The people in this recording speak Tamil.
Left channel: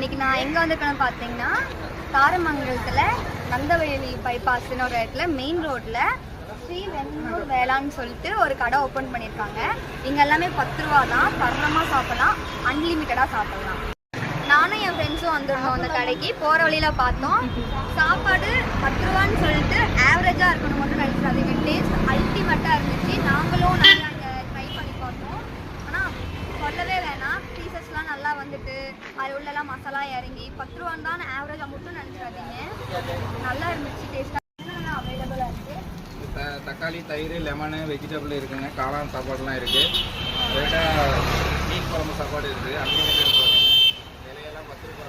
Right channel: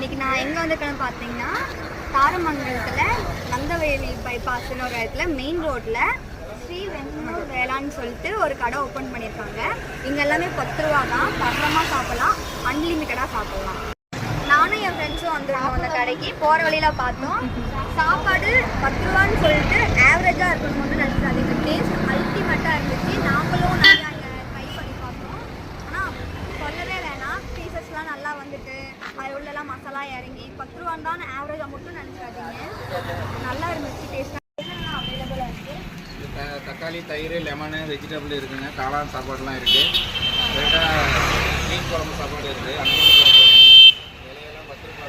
இன்னைக்கு நான் எங்கே வந்திருக்கேன்னு பார்த்தீங்கன்னா தாரமங்கலத்தில் நந்தவயலி பைபாஸ்னு ஒரு இடத்துல மெயின் ரோட்டில் ஸ்ரீ வெண்ணூர் வேளான்னு சொல்லிட்டு ஒரு கடை ஓப்பன் பண்ணியிருக்காங்க. இங்கே எல்லாமே 10 ரூபா தான், பரணமாக சாப்பிட்லாம், அன்லிமிட்டடாக சாப்பிட்லாம். நானும் என் ஃப்ரெண்ட்ஸும் வந்துருந்தோம் அந்த கடைக்கு. போகிற வழியில் பார்த்தோம், சாப்பாடு 10 ரூபான்னு சொல்லிட்டு ஆவரேஜாக இருக்கணும் வந்து கிடைச்சிட்டாங்க. இப்போ டேஸ்ட் அல்டிமேட்டாக இருந்துச்சு. நாங்களும் நிறைய அங்கே ட்ரை பண்ணி பார்த்தோம். ஆனால் சொல்லவே வேணாம், பீசஸ்லாம் நல்லா வந்துட்டு அது உள்ளெல்லாம் மசாலா இறங்கி 10 ரூபான்னு தான் ஆவரேஜாக மட்டும் நினச்சிடாதீங்க. நல்லா இருந்துச்சு, டேஸ்ட்டாக என்னென்னலாம் அவைலபிளாக இருக்குது. தக்காளி, தயிர், லெமனு, வெஜிடபிள் இருக்குங்க. காளான் சாப்பாடுலாம் இருக்குது. மீன் குழம்பு சாப்பாடு இருக்குது. அன்லிமிட்டட்